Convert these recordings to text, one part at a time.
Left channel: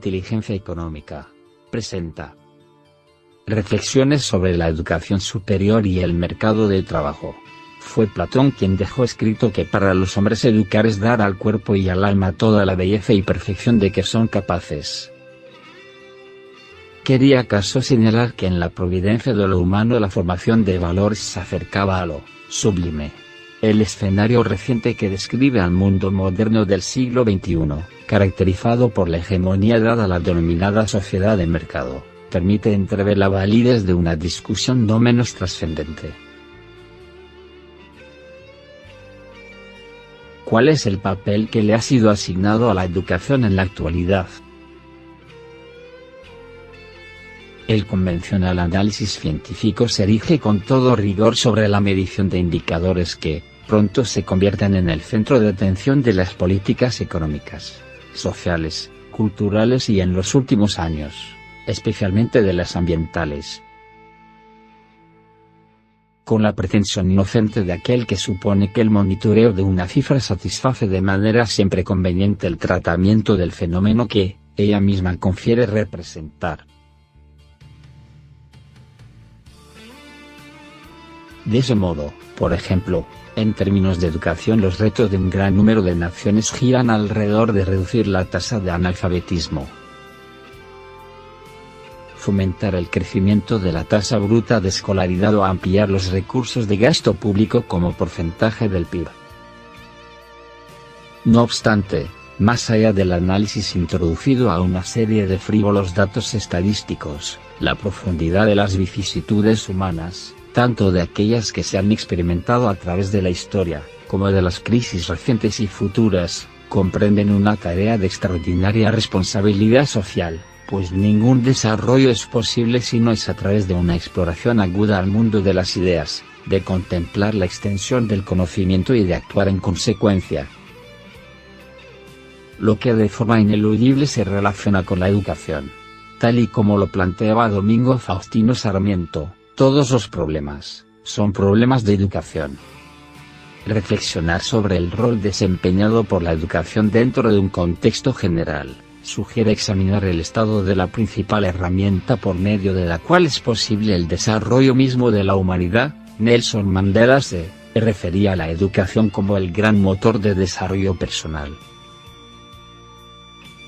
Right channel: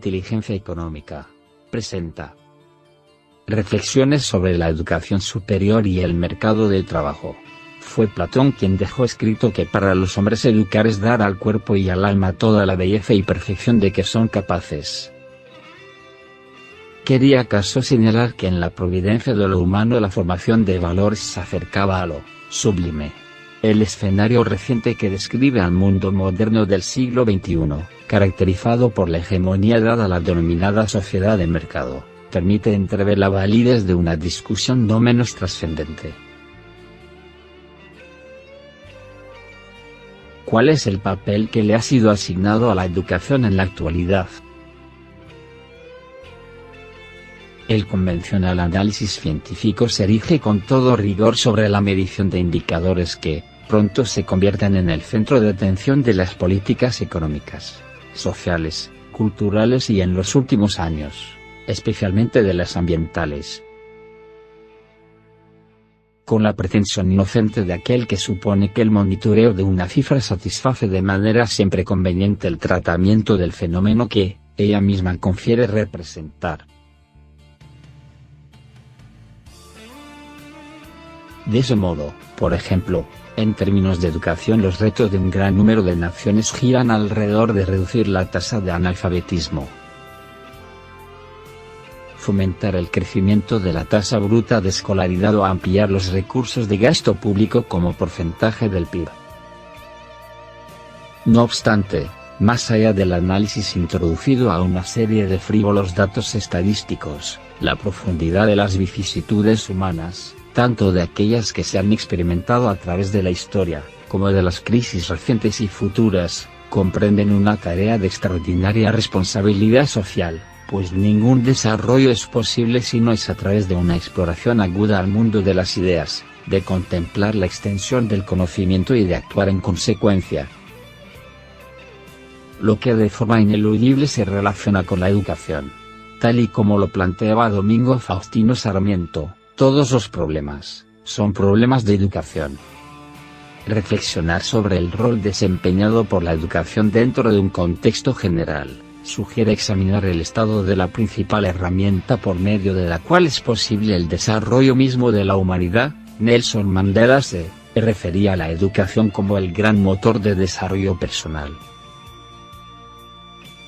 inteligencia económica, presenta reflexiones sobre la educación superior y el mercado de trabajo. Fue Platón quien dejó escrito que para los hombres educar es dar al cuerpo y al alma toda la belleza y perfección de que son capaces. ¿Quería acaso señalar que en la providencia de lo humano la formación de valores se acercaba a lo sublime? El escenario reciente que describe al mundo moderno del siglo XXI, caracterizado por la hegemonía dada a la denominada sociedad de mercado, permite entrever la validez de una discusión no menos trascendente. ¿Cuál es el papel que le ha sido asignado a la educación en la actualidad? El convencional análisis científico se erige con todo rigor sobre la medición de indicadores que, pronto se convierten en el centro de atención de las políticas económicas, sociales, culturales y en los últimos años, especialmente de las ambientales. Con la pretensión inocente de aquel que supone que el monitoreo de una cifra satisface de manera siempre conveniente el tratamiento del fenómeno que ella misma confiere representar. De ese modo, por ejemplo, en términos de educación los retos de un gran número de naciones giran alrededor de reducir la tasa de analfabetismo, fomentar el crecimiento de la tasa bruta de escolaridad o ampliar los recursos de gasto público como porcentaje del PIB. No obstante, más allá del análisis introducido a una serie de frívolos datos estadísticos, la profundidad de las vicisitudes humanas, tanto de aquellas que se han experimentado a través de la historia, como de las crisis recientes y futuras, comprenden una tarea de extraordinaria responsabilidad social, pues ningún desarrollo es posible si no es a través de una exploración aguda al mundo de las ideas, de contemplar la extensión del conocimiento y de actuar en consecuencia. Lo que de forma ineludible se relaciona con la educación, tal y como lo planteaba Domingo Faustino Sarmiento. Todos los problemas son problemas de educación. Reflexionar sobre el rol desempeñado por la educación dentro de un contexto general sugiere examinar el estado de la principal herramienta por medio de la cual es posible el desarrollo mismo de la humanidad. Nelson Mandela se refería a la educación como el gran motor de desarrollo personal.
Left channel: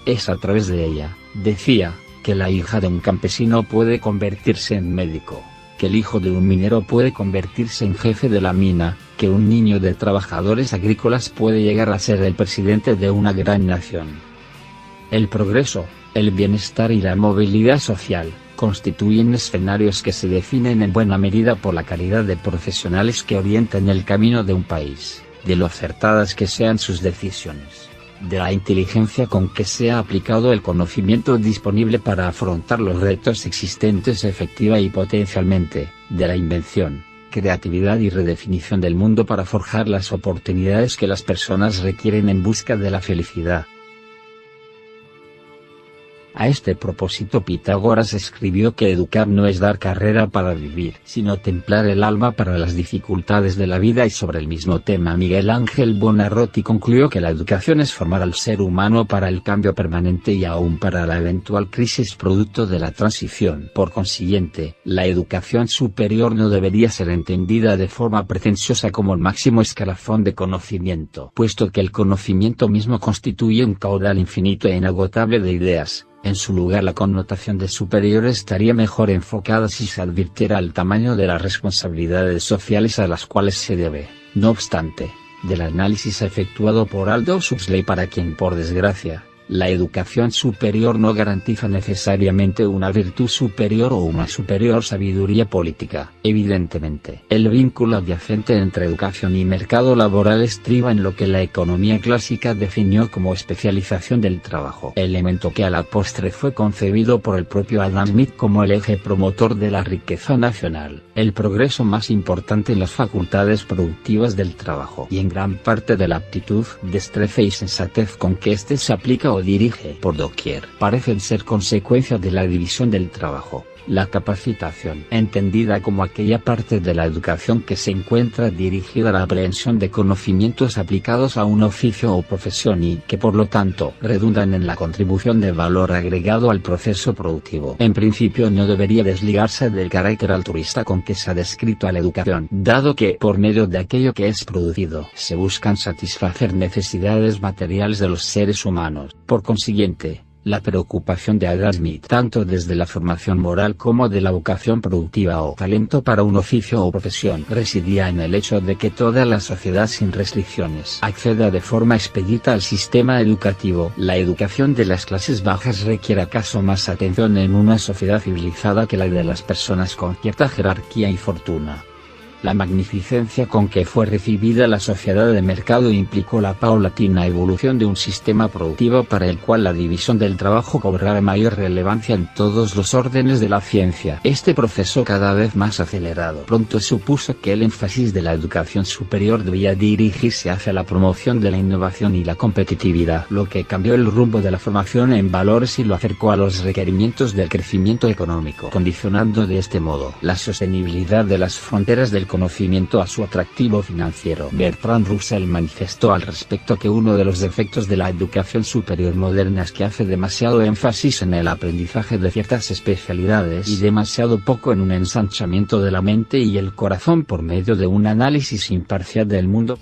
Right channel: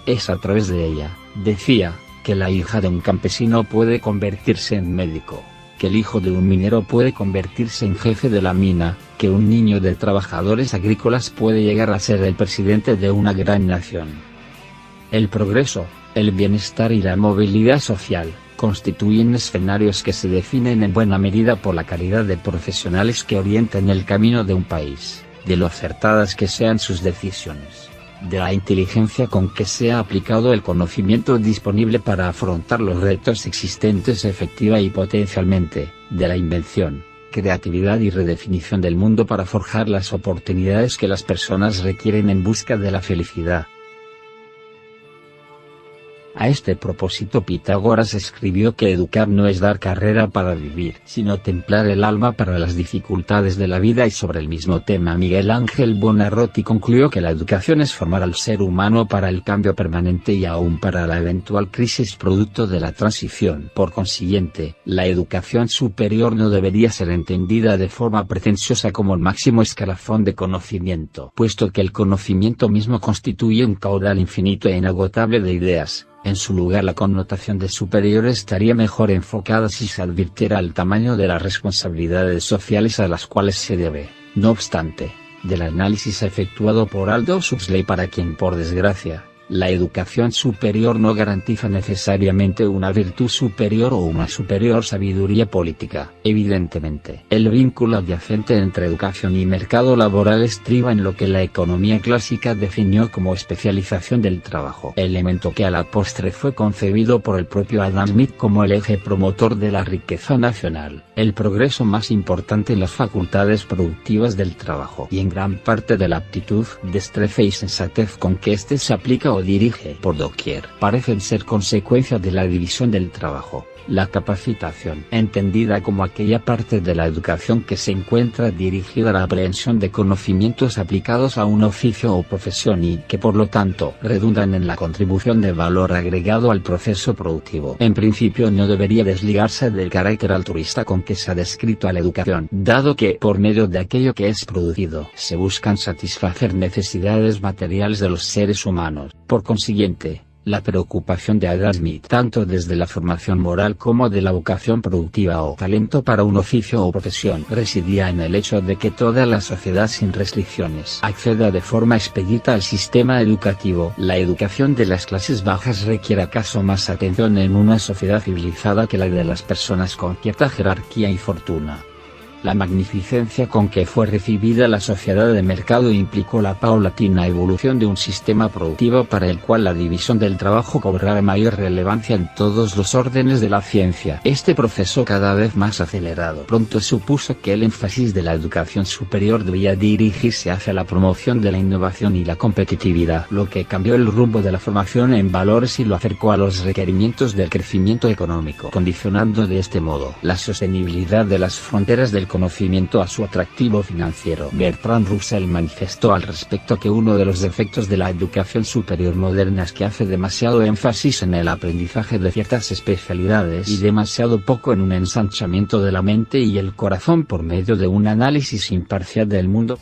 Es a través de ella, decía, que la hija de un campesino puede convertirse en médico, que el hijo de un minero puede convertirse en jefe de la mina, que un niño de trabajadores agrícolas puede llegar a ser el presidente de una gran nación. El progreso, el bienestar y la movilidad social, constituyen escenarios que se definen en buena medida por la calidad de profesionales que orientan el camino de un país, de lo acertadas que sean sus decisiones, de la inteligencia con que sea aplicado el conocimiento disponible para afrontar los retos existentes efectiva y potencialmente, de la invención, creatividad y redefinición del mundo para forjar las oportunidades que las personas requieren en busca de la felicidad. A este propósito Pitágoras escribió que educar no es dar carrera para vivir, sino templar el alma para las dificultades de la vida, y sobre el mismo tema Miguel Ángel Buonarroti concluyó que la educación es formar al ser humano para el cambio permanente y aún para la eventual crisis producto de la transición. Por consiguiente, la educación superior no debería ser entendida de forma pretenciosa como el máximo escalafón de conocimiento, puesto que el conocimiento mismo constituye un caudal infinito e inagotable de ideas. En su lugar, la connotación de superior estaría mejor enfocada si se advirtiera el tamaño de las responsabilidades sociales a las cuales se debe, no obstante, del análisis efectuado por Aldous Huxley, para quien, por desgracia, la educación superior no garantiza necesariamente una virtud superior o una superior sabiduría política. Evidentemente, el vínculo adyacente entre educación y mercado laboral estriba en lo que la economía clásica definió como especialización del trabajo, elemento que a la postre fue concebido por el propio Adam Smith como el eje promotor de la riqueza nacional, el progreso más importante en las facultades productivas del trabajo y en gran parte de la aptitud, destreza y sensatez con que éste se aplica o dirige por doquier, parecen ser consecuencia de la división del trabajo. La capacitación, entendida como aquella parte de la educación que se encuentra dirigida a la aprehensión de conocimientos aplicados a un oficio o profesión y que por lo tanto redundan en la contribución de valor agregado al proceso productivo. En principio no debería desligarse del carácter altruista con que se ha descrito a la educación, dado que, por medio de aquello que es producido, se buscan satisfacer necesidades materiales de los seres humanos. Por consiguiente, la preocupación de Adam Smith, tanto desde la formación moral como de la vocación productiva o talento para un oficio o profesión, residía en el hecho de que toda la sociedad sin restricciones acceda de forma expedita al sistema educativo. La educación de las clases bajas requiere acaso más atención en una sociedad civilizada que la de las personas con cierta jerarquía y fortuna. La magnificencia con que fue recibida la sociedad de mercado implicó la paulatina evolución de un sistema productivo para el cual la división del trabajo cobrara mayor relevancia en todos los órdenes de la ciencia. Este proceso cada vez más acelerado pronto supuso que el énfasis de la educación superior debía dirigirse hacia la promoción de la innovación y la competitividad, lo que cambió el rumbo de la formación en valores y lo acercó a los requerimientos del crecimiento económico, condicionando de este modo la sostenibilidad de las fronteras del conocimiento a su atractivo financiero. Bertrand Russell manifestó al respecto que uno de los defectos de la educación superior moderna es que hace demasiado énfasis en el aprendizaje de ciertas especialidades y demasiado poco en un ensanchamiento de la mente y el corazón por medio de un análisis imparcial del mundo.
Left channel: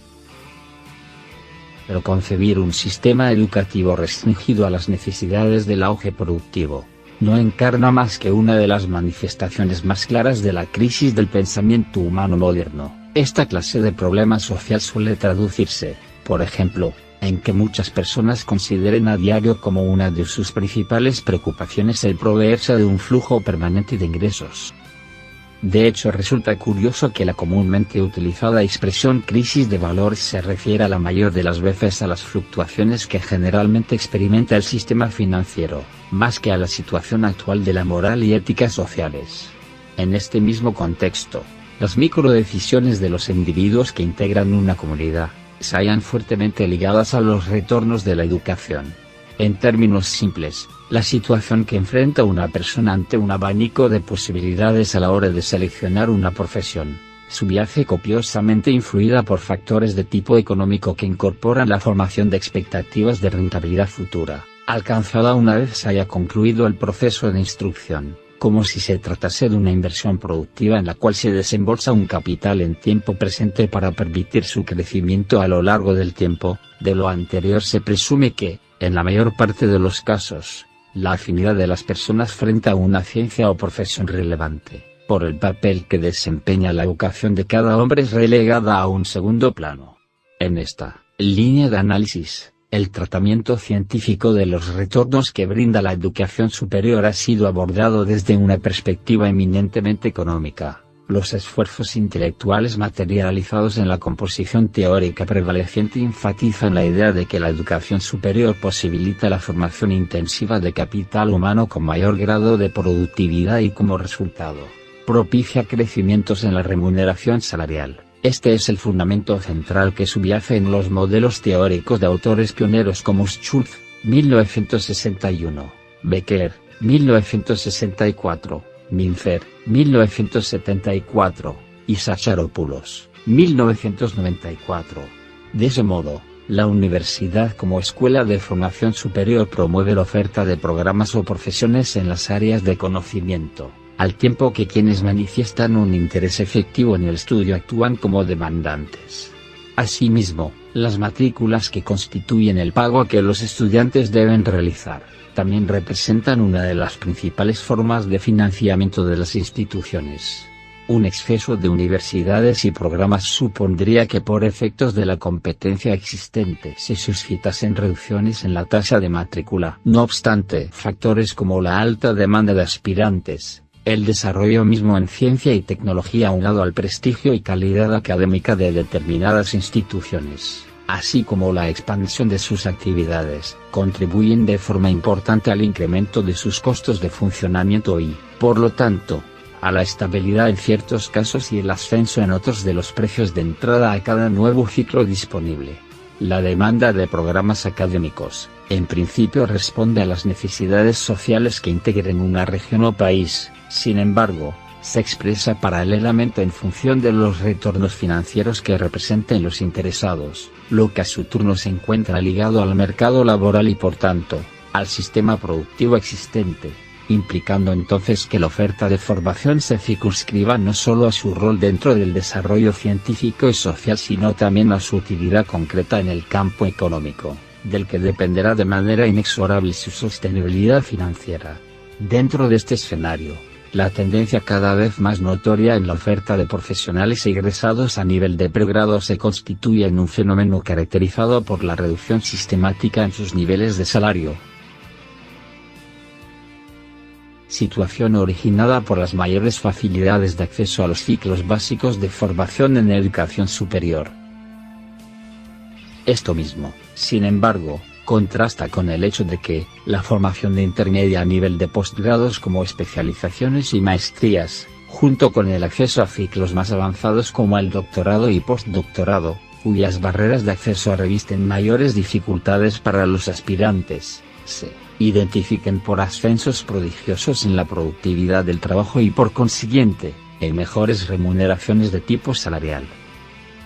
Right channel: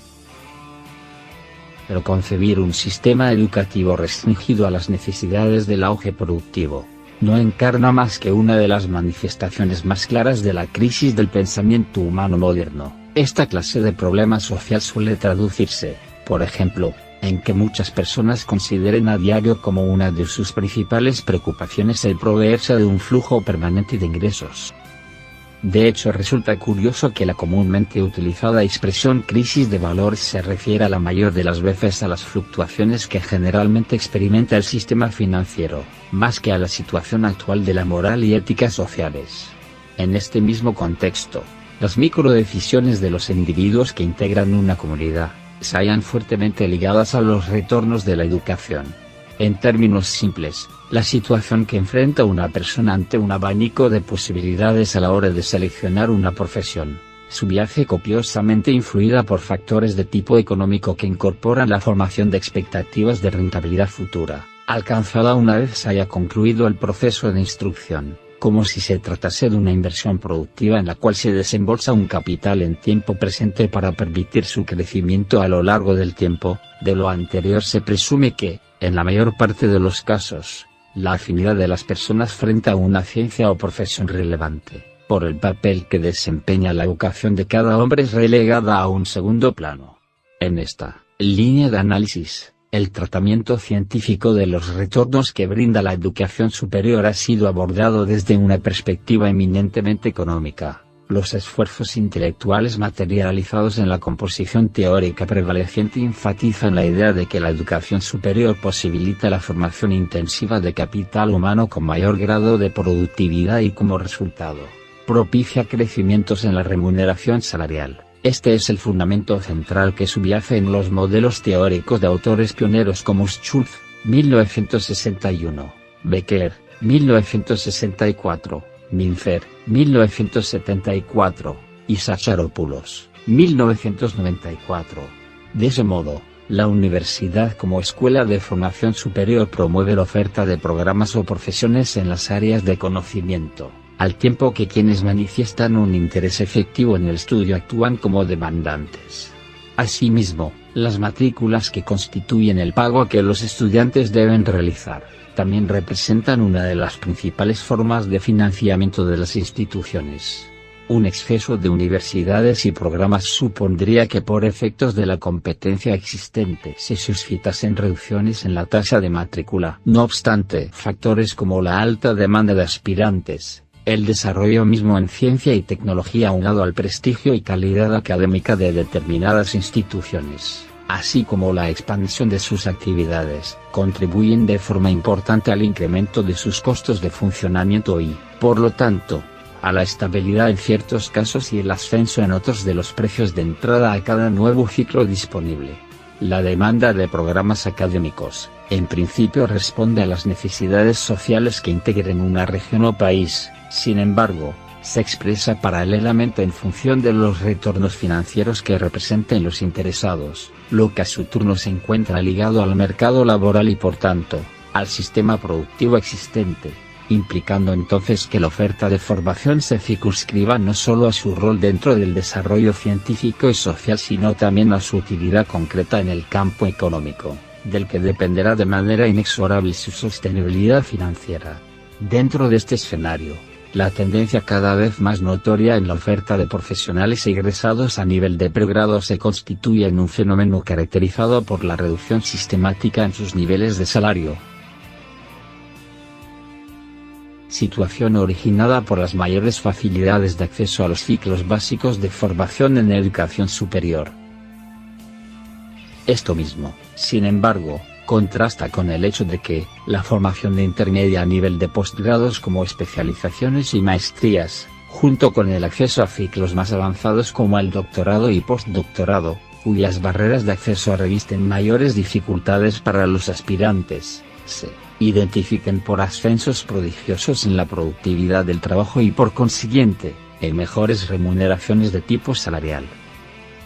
Pero concebir un sistema educativo restringido a las necesidades del auge productivo no encarna más que una de las manifestaciones más claras de la crisis del pensamiento humano moderno. Esta clase de problema social suele traducirse, por ejemplo, en que muchas personas consideren a diario como una de sus principales preocupaciones el proveerse de un flujo permanente de ingresos. De hecho, resulta curioso que la comúnmente utilizada expresión crisis de valores se refiera la mayor de las veces a las fluctuaciones que generalmente experimenta el sistema financiero, más que a la situación actual de la moral y éticas sociales. En este mismo contexto, las microdecisiones de los individuos que integran una comunidad se hallan fuertemente ligadas a los retornos de la educación. En términos simples, la situación que enfrenta una persona ante un abanico de posibilidades a la hora de seleccionar una profesión, su viaje copiosamente influida por factores de tipo económico que incorporan la formación de expectativas de rentabilidad futura, alcanzada una vez se haya concluido el proceso de instrucción, como si se tratase de una inversión productiva en la cual se desembolsa un capital en tiempo presente para permitir su crecimiento a lo largo del tiempo. De lo anterior se presume que, en la mayor parte de los casos, la afinidad de las personas frente a una ciencia o profesión relevante, por el papel que desempeña la educación de cada hombre, es relegada a un segundo plano. En esta línea de análisis, el tratamiento científico de los retornos que brinda la educación superior ha sido abordado desde una perspectiva eminentemente económica. Los esfuerzos intelectuales materializados en la composición teórica prevaleciente enfatizan la idea de que la educación superior posibilita la formación intensiva de capital humano con mayor grado de productividad y como resultado, propicia crecimientos en la remuneración salarial. Este es el fundamento central que subyace en los modelos teóricos de autores pioneros como Schultz, 1961, Becker, 1964, Minfer, 1974, y Sacharopoulos, 1994. De ese modo, la universidad como escuela de formación superior promueve la oferta de programas o profesiones en las áreas de conocimiento, al tiempo que quienes manifiestan un interés efectivo en el estudio actúan como demandantes. Asimismo, las matrículas que constituyen el pago que los estudiantes deben realizar, también representan una de las principales formas de financiamiento de las instituciones. Un exceso de universidades y programas supondría que por efectos de la competencia existente se suscitasen reducciones en la tasa de matrícula. No obstante, factores como la alta demanda de aspirantes, el desarrollo mismo en ciencia y tecnología aunado al prestigio y calidad académica de determinadas instituciones, así como la expansión de sus actividades, contribuyen de forma importante al incremento de sus costos de funcionamiento y, por lo tanto, a la estabilidad en ciertos casos y el ascenso en otros de los precios de entrada a cada nuevo ciclo disponible. La demanda de programas académicos, En principio responde a las necesidades sociales que integren una región o país, sin embargo, se expresa paralelamente en función de los retornos financieros que representen los interesados, lo que a su turno se encuentra ligado al mercado laboral y por tanto, al sistema productivo existente, implicando entonces que la oferta de formación se circunscriba no solo a su rol dentro del desarrollo científico y social sino también a su utilidad concreta en el campo económico, del que dependerá de manera inexorable su sostenibilidad financiera. Dentro de este escenario, la tendencia cada vez más notoria en la oferta de profesionales egresados a nivel de pregrado se constituye en un fenómeno caracterizado por la reducción sistemática en sus niveles de salario. Situación originada por las mayores facilidades de acceso a los ciclos básicos de formación en educación superior. Esto mismo, sin embargo, contrasta con el hecho de que, la formación de intermedia a nivel de postgrados como especializaciones y maestrías, junto con el acceso a ciclos más avanzados como el doctorado y postdoctorado, cuyas barreras de acceso revisten mayores dificultades para los aspirantes, se identifiquen por ascensos prodigiosos en la productividad del trabajo y por consiguiente, en mejores remuneraciones de tipo salarial.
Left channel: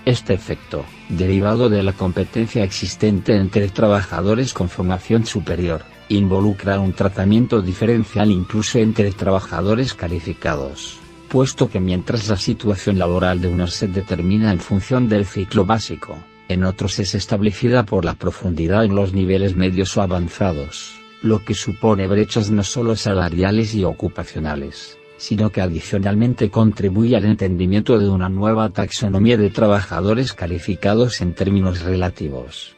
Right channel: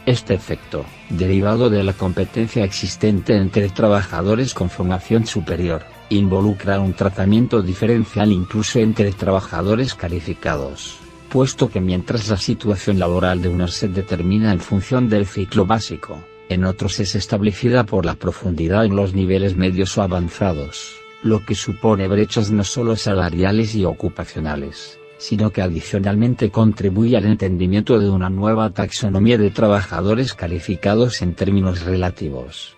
Este efecto, derivado de la competencia existente entre trabajadores con formación superior, involucra un tratamiento diferencial incluso entre trabajadores calificados, puesto que mientras la situación laboral de unos se determina en función del ciclo básico, en otros es establecida por la profundidad en los niveles medios o avanzados, lo que supone brechas no solo salariales y ocupacionales, sino que adicionalmente contribuye al entendimiento de una nueva taxonomía de trabajadores calificados en términos relativos.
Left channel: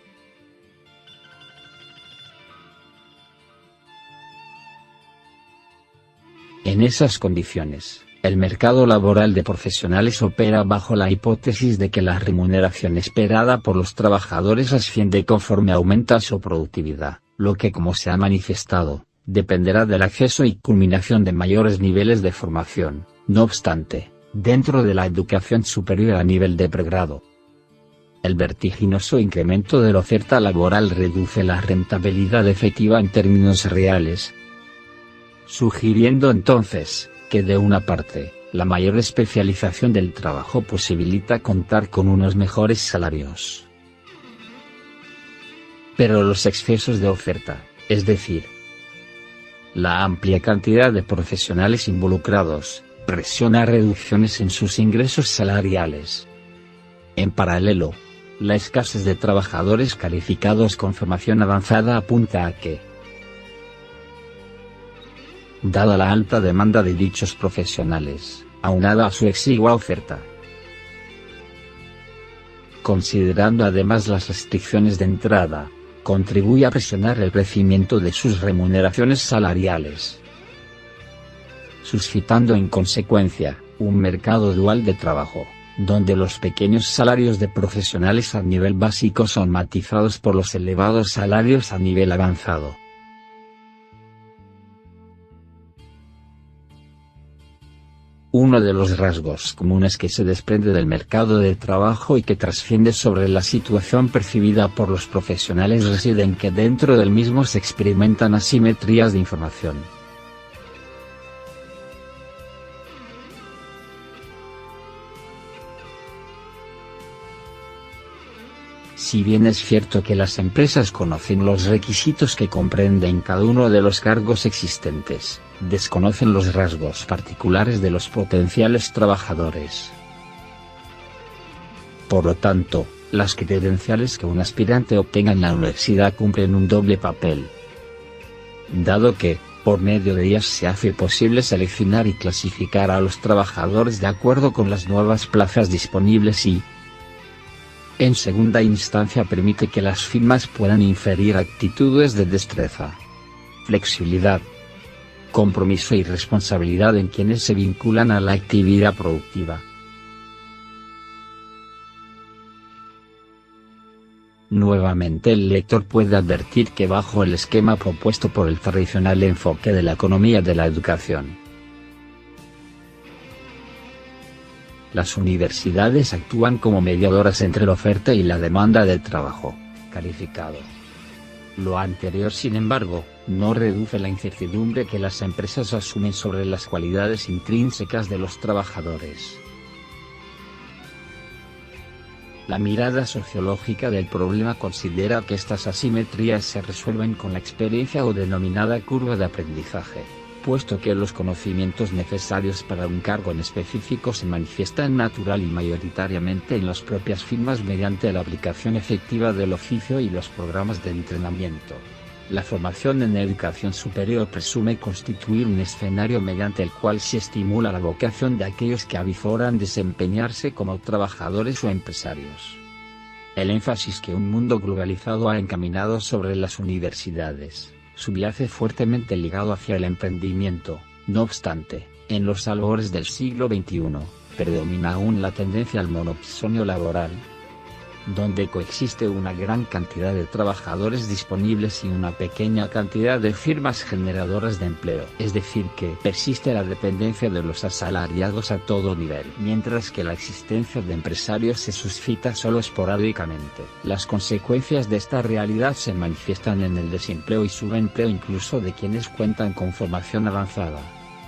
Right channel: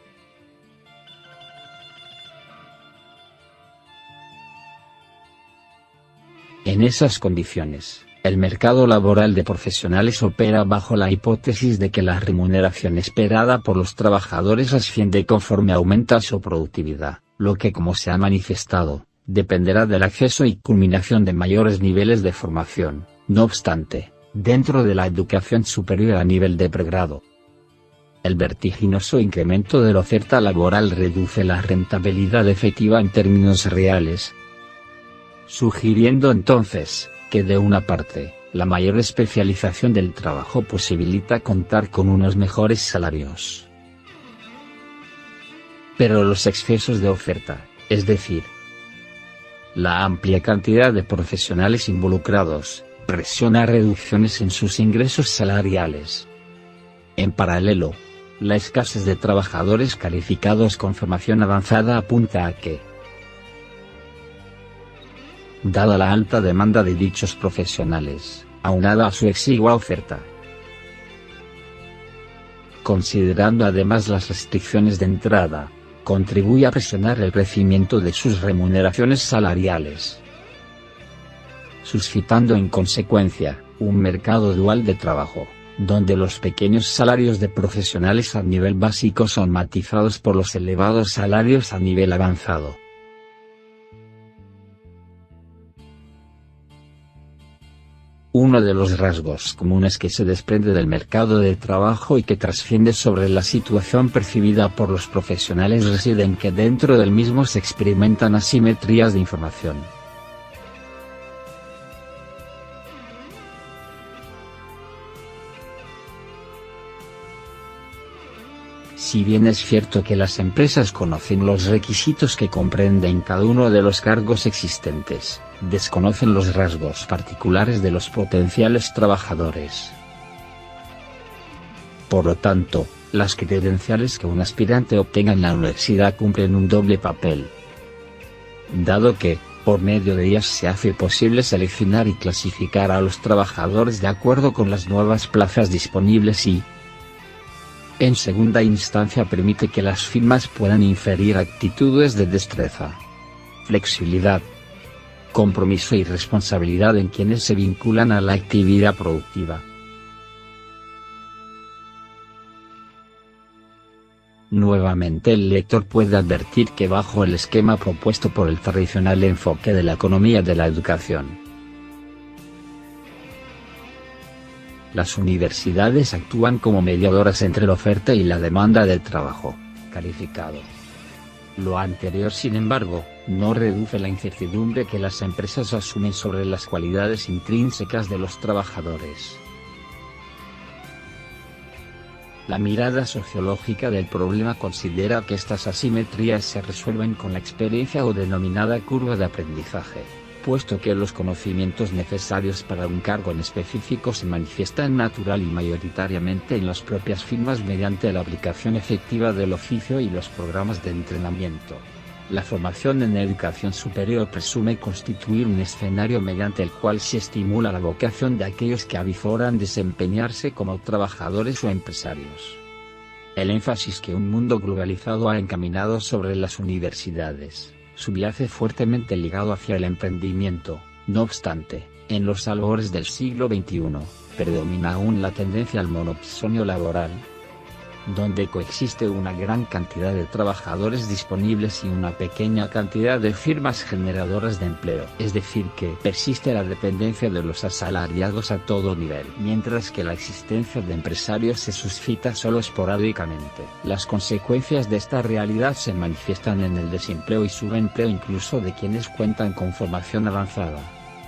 En esas condiciones, el mercado laboral de profesionales opera bajo la hipótesis de que la remuneración esperada por los trabajadores asciende conforme aumenta su productividad, lo que, como se ha manifestado, dependerá del acceso y culminación de mayores niveles de formación. No obstante, dentro de la educación superior a nivel de pregrado, el vertiginoso incremento de la oferta laboral reduce la rentabilidad efectiva en términos reales, sugiriendo entonces, que de una parte, la mayor especialización del trabajo posibilita contar con unos mejores salarios. Pero los excesos de oferta, es decir, la amplia cantidad de profesionales involucrados, presiona reducciones en sus ingresos salariales. En paralelo, la escasez de trabajadores calificados con formación avanzada apunta a que, dada la alta demanda de dichos profesionales, aunada a su exigua oferta, considerando además las restricciones de entrada, contribuye a presionar el crecimiento de sus remuneraciones salariales, suscitando en consecuencia, un mercado dual de trabajo, donde los pequeños salarios de profesionales a nivel básico son matizados por los elevados salarios a nivel avanzado. Uno de los rasgos comunes que se desprende del mercado del trabajo y que trasciende sobre la situación percibida por los profesionales reside en que dentro del mismo se experimentan asimetrías de información. Si bien es cierto que las empresas conocen los requisitos que comprenden cada uno de los cargos existentes, desconocen los rasgos particulares de los potenciales trabajadores. Por lo tanto, las credenciales que un aspirante obtenga en la universidad cumplen un doble papel, dado que, por medio de ellas se hace posible seleccionar y clasificar a los trabajadores de acuerdo con las nuevas plazas disponibles y, en segunda instancia, permite que las firmas puedan inferir actitudes de destreza, flexibilidad, compromiso y responsabilidad en quienes se vinculan a la actividad productiva. Nuevamente el lector puede advertir que bajo el esquema propuesto por el tradicional enfoque de la economía de la educación, las universidades actúan como mediadoras entre la oferta y la demanda del trabajo calificado. Lo anterior, sin embargo, no reduce la incertidumbre que las empresas asumen sobre las cualidades intrínsecas de los trabajadores. La mirada sociológica del problema considera que estas asimetrías se resuelven con la experiencia o denominada curva de aprendizaje, puesto que los conocimientos necesarios para un cargo en específico se manifiestan natural y mayoritariamente en las propias firmas mediante la aplicación efectiva del oficio y los programas de entrenamiento. La formación en educación superior presume constituir un escenario mediante el cual se estimula la vocación de aquellos que avizoran desempeñarse como trabajadores o empresarios. El énfasis que un mundo globalizado ha encaminado sobre las universidades subyace fuertemente ligado hacia el emprendimiento. No obstante, en los albores del siglo XXI, predomina aún la tendencia al monopsonio laboral, donde coexiste una gran cantidad de trabajadores disponibles y una pequeña cantidad de firmas generadoras de empleo. Es decir, que persiste la dependencia de los asalariados a todo nivel, mientras que la existencia de empresarios se suscita solo esporádicamente. Las consecuencias de esta realidad se manifiestan en el desempleo y subempleo incluso de quienes cuentan con formación avanzada.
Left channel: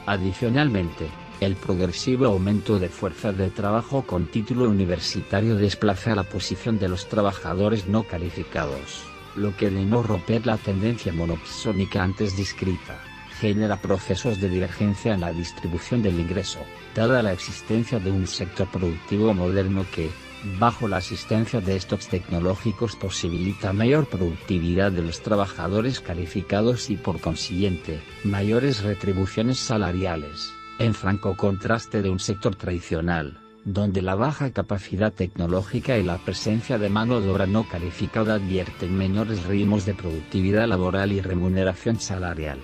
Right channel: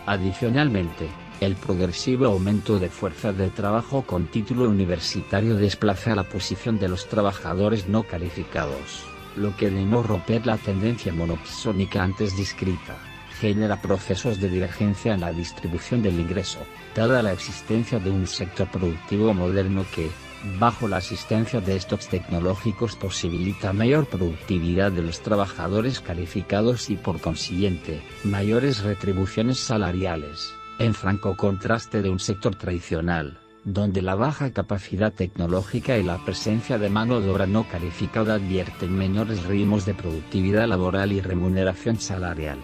Adicionalmente, el progresivo aumento de fuerza de trabajo con título universitario desplaza la posición de los trabajadores no calificados, lo que de no romper la tendencia monopsónica antes descrita, genera procesos de divergencia en la distribución del ingreso, dada la existencia de un sector productivo moderno que, bajo la asistencia de stocks tecnológicos, posibilita mayor productividad de los trabajadores calificados y por consiguiente, mayores retribuciones salariales, en franco contraste de un sector tradicional, donde la baja capacidad tecnológica y la presencia de mano de obra no calificada advierten menores ritmos de productividad laboral y remuneración salarial.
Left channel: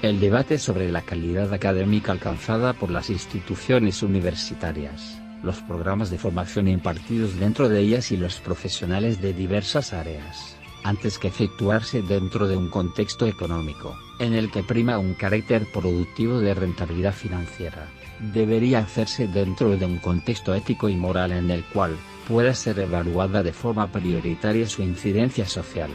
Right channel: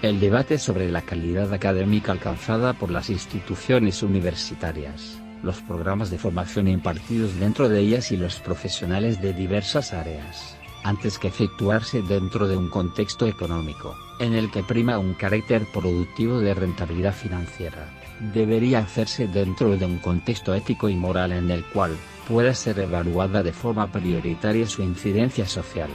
El debate sobre la calidad académica alcanzada por las instituciones universitarias, los programas de formación impartidos dentro de ellas y los profesionales de diversas áreas, antes que efectuarse dentro de un contexto económico, en el que prima un carácter productivo de rentabilidad financiera, debería hacerse dentro de un contexto ético y moral en el cual pueda ser evaluada de forma prioritaria su incidencia social.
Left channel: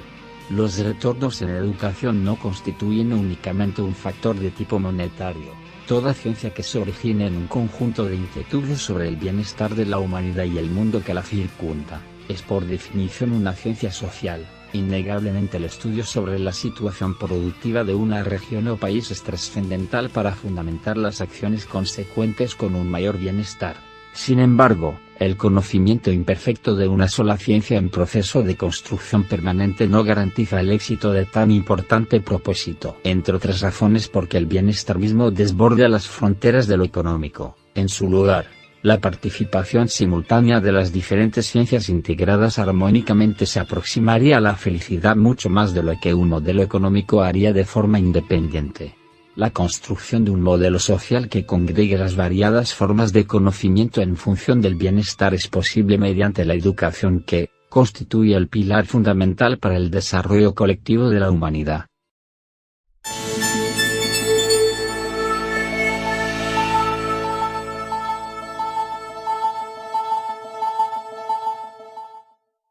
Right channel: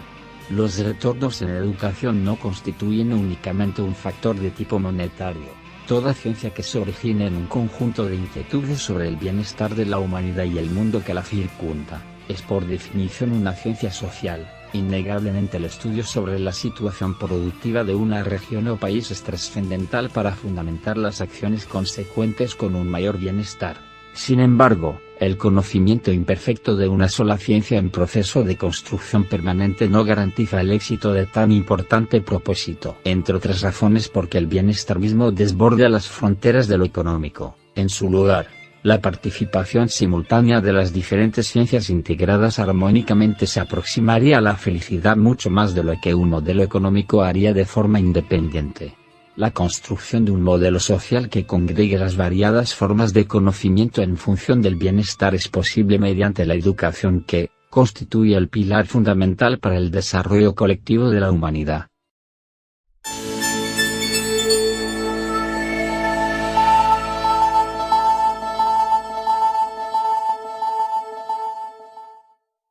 Los retornos en educación no constituyen únicamente un factor de tipo monetario. Toda ciencia que se origine en un conjunto de inquietudes sobre el bienestar de la humanidad y el mundo que la circunda, es por definición una ciencia social. Innegablemente el estudio sobre la situación productiva de una región o país es trascendental para fundamentar las acciones consecuentes con un mayor bienestar. Sin embargo, el conocimiento imperfecto de una sola ciencia en proceso de construcción permanente no garantiza el éxito de tan importante propósito, entre otras razones porque el bienestar mismo desborda las fronteras de lo económico. En su lugar, la participación simultánea de las diferentes ciencias integradas armónicamente se aproximaría a la felicidad mucho más de lo que un modelo económico haría de forma independiente. La construcción de un modelo social que congregue las variadas formas de conocimiento en función del bienestar es posible mediante la educación que constituye el pilar fundamental para el desarrollo colectivo de la humanidad.